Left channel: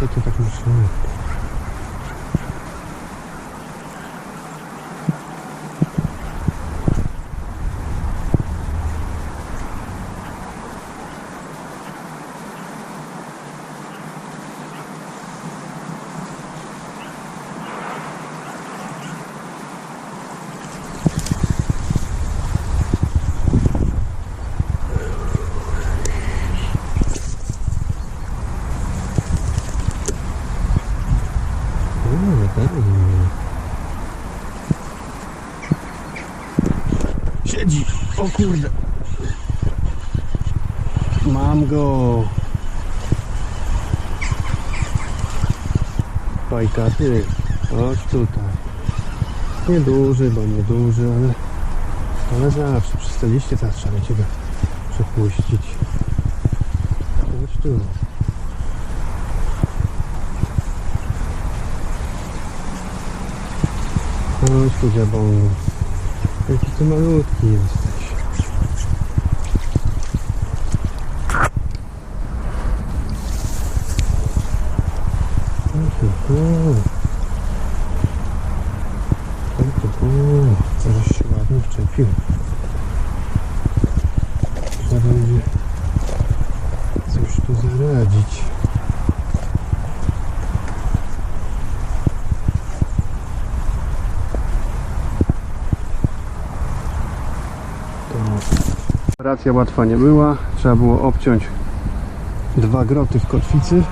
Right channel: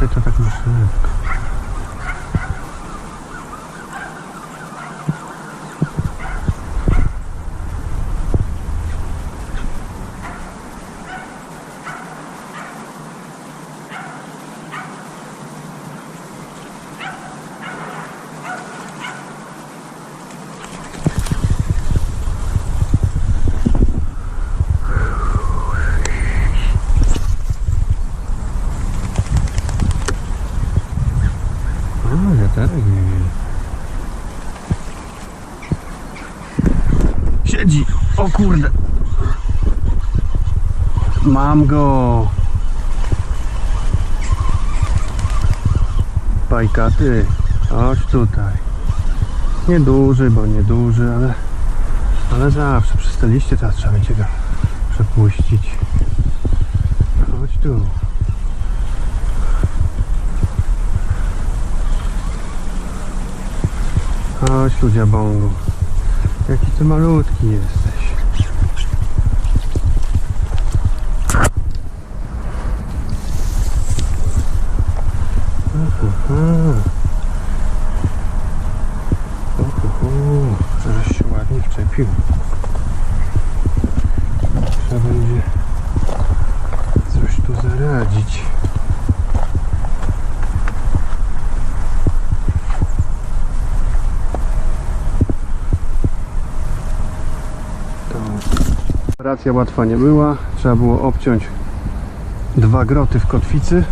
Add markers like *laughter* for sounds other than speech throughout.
这叫什么事？Kurde! Mam go! Pajkaty, chodź tutaj. Nieduży, bo nieduży, ale, ale zawsze przez te liście teraz trzeba będzie go przepuścić. Chodź tu. Chodź tu dziabągu. Jaki ty malutki jesteś. Uhuhu. Żeś się ładnie wczepił. Trzeba będzie coś tu zaradzić. To operacja łatwa nie była. Trzeba było obciąć dwa groty w kotwicy.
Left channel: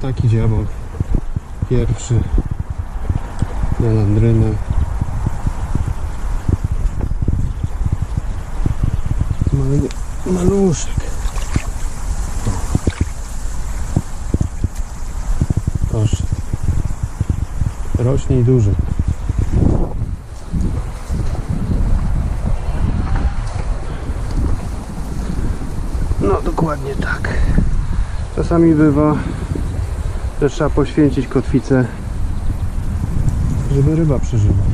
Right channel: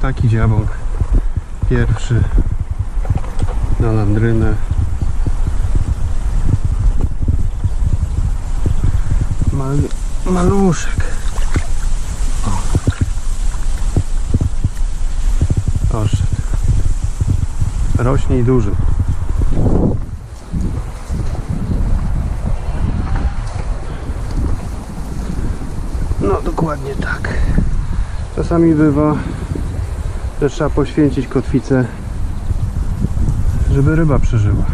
Taki dziabąk pierwszy na landrynę. Mal, maluszek. O. Poszedł. Rośnie i duży. No dokładnie tak. Czasami bywa, że trzeba poświęcić kotwicę, żeby ryba przeżyła.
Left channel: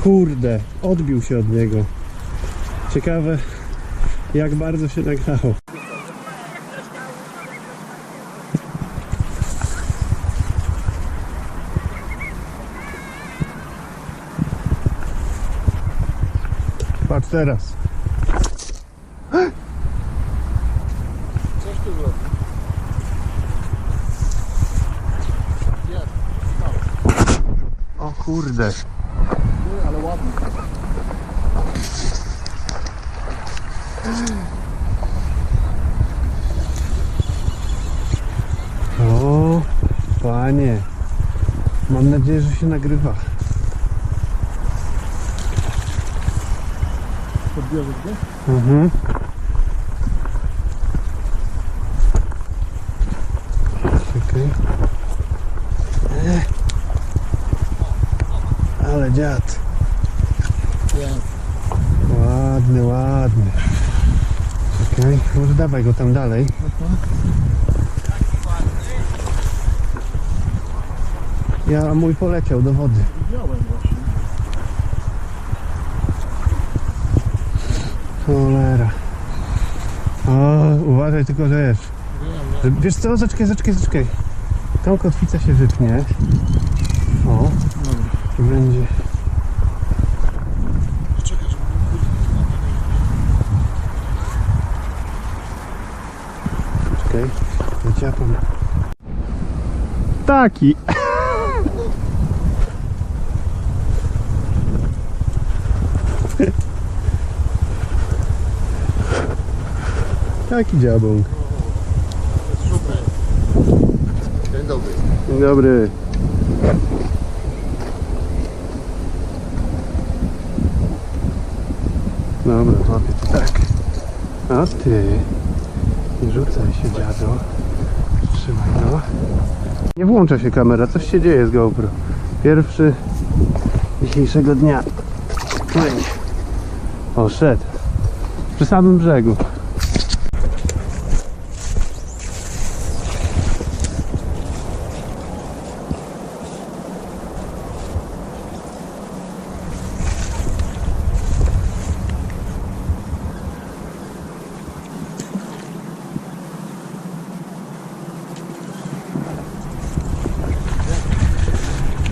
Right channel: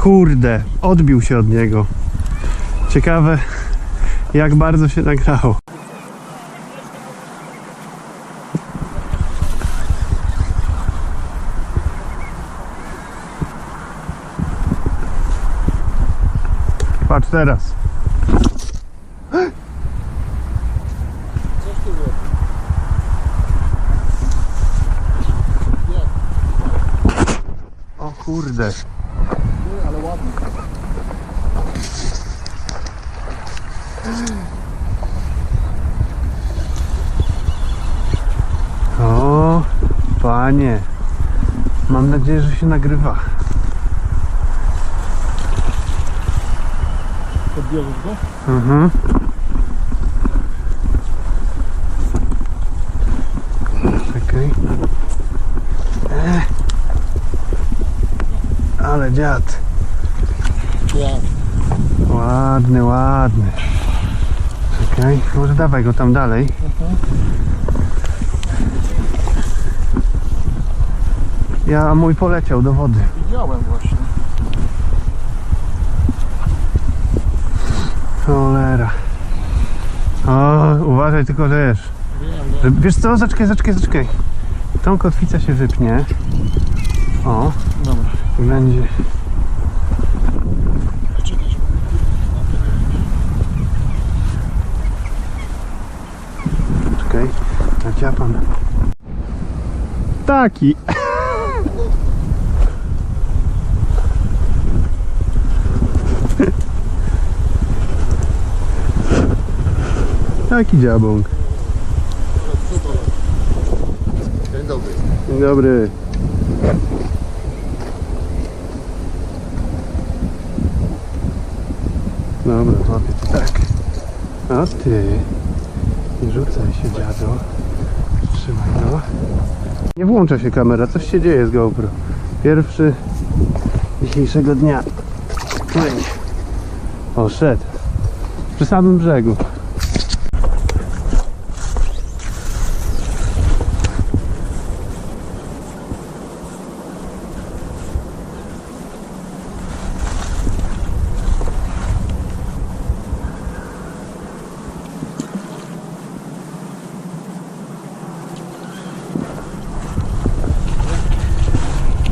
Kurde, odbił się od niego. Ciekawe, jak bardzo się nagrało. Patrz teraz. Coś tu O kurde. Ładny. O, panie. Mam nadzieję, że się nagrywa. Podbierzesz go? Mhm. Czekaj. E. Ale dziad. Ładny, ładny. Czekaj, może dawaj go tam dalej. Mhm. Ja, a mój poleciał do wody. Widziałem właśnie. Cholera. O, uważaj tylko, że wiesz. Wiem, wiem. wiesz co, zaczekaj, zaczekaj, zaczekaj. Tą kotwicę się wypnie. O, Dobra. i będzie. Czekaj, żeby no, to nie. Czekaj, naciapam. Taki. Taki dziabąk. Dzień dobry. Dzień dobry. Dobra, to tak. A ty. Nie rzucaj się, dziado. Trzymaj no. Nie włącza się kamera, coś się dzieje z GoPro. Pierwszy dzisiejszego dnia. Oj. O, szedł. Przy samym brzegu.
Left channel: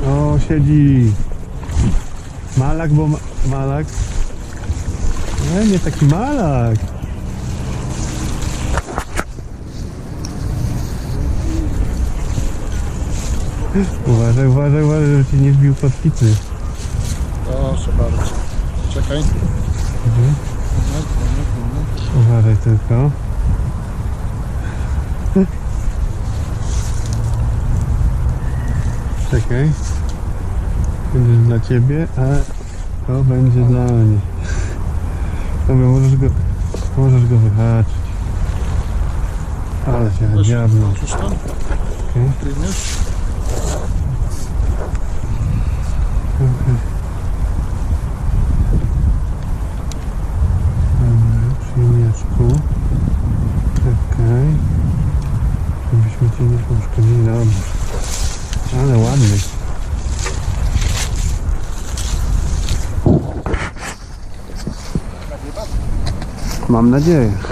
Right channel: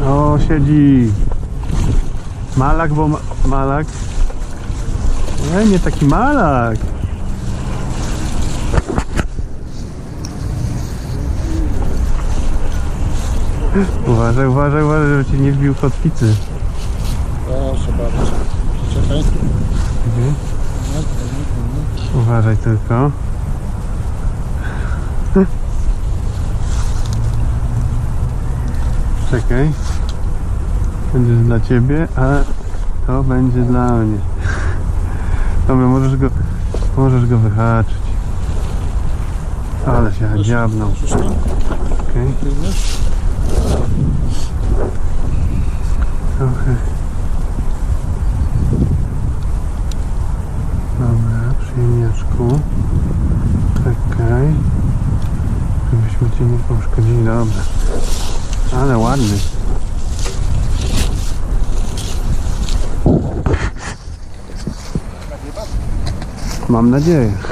O, siedzi. Malak, bo ma malak. Nie, nie taki malak. Uważaj, uważaj, uważaj, żeby ci nie wbił kotwicy. Proszę bardzo. Czekaj. Moment. Uważaj tylko. *laughs* Czekaj. Będzie dla ciebie, a to będzie dla mnie. Dobra, możesz go, możesz go wyhaczyć. Ale się dziabnął. Okej, trochę. Dobra, przyjemniaczku. Czekaj. Żebyśmy cię nie poszkodzili. Dobra. Ale ładny. Mam nadzieję. *laughs*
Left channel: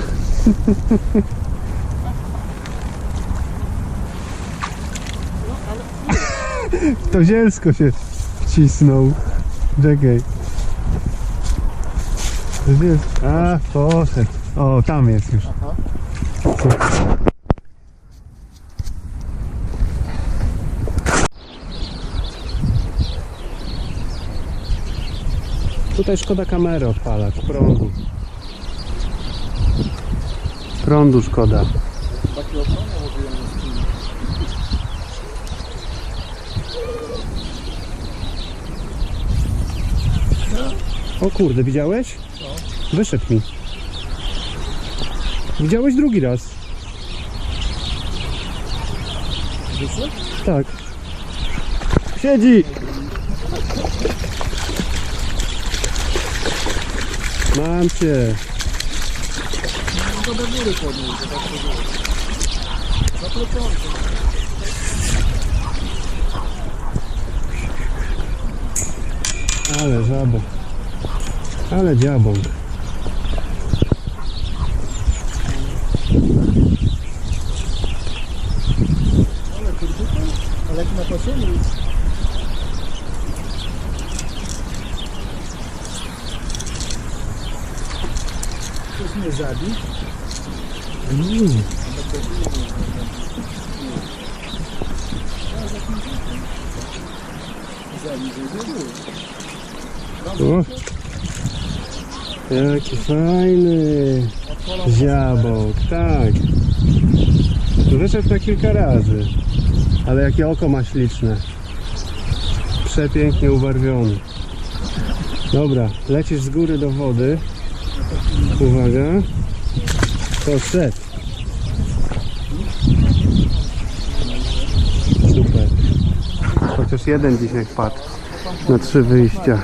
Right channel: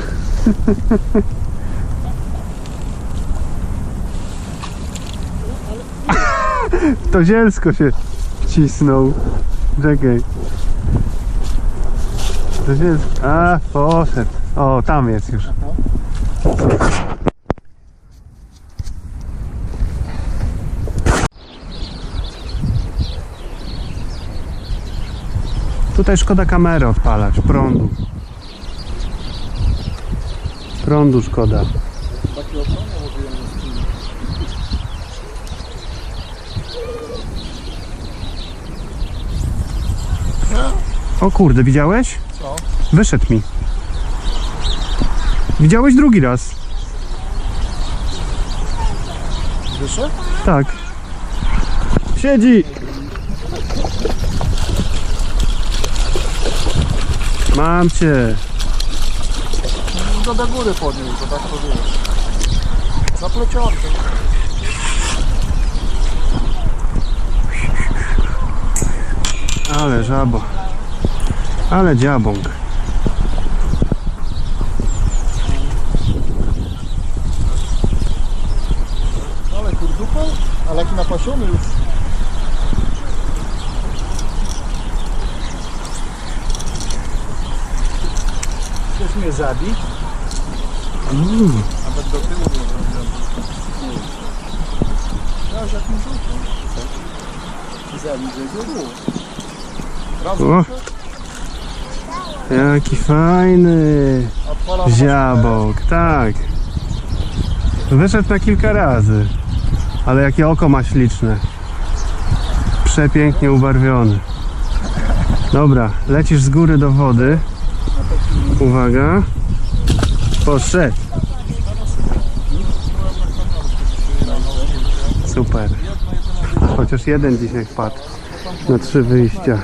To zielsko się wcisnął. Czekaj. To zielsko. A, poszedł. O, tam jest już. Super. Tutaj szkoda kamery odpalać, prądu. Prądu szkoda. O kurde, widziałeś? Co? Wyszedł mi. Widziałeś drugi raz? Wyszedł? Tak. Siedzi! Mam cię. No do góry podnieść, zobacz to było. Zapleciony. Ale żabo. Ale dziabąk. Ale kurdupa? Ale jaki napasiony już. Chcesz mnie zabić? Mm. Tak do tyłu nie wiem. Ja jak mi Zabić. O. Jaki fajny ziabok, tak. Wyszedł na kilka razy. Ale jakie oko ma śliczne. Przepięknie ubarwiony. Dobra, lecisz z góry do wody. Uwaga. Poszedł. Super. Chociaż jeden dzisiaj wpadł na trzy wyjścia.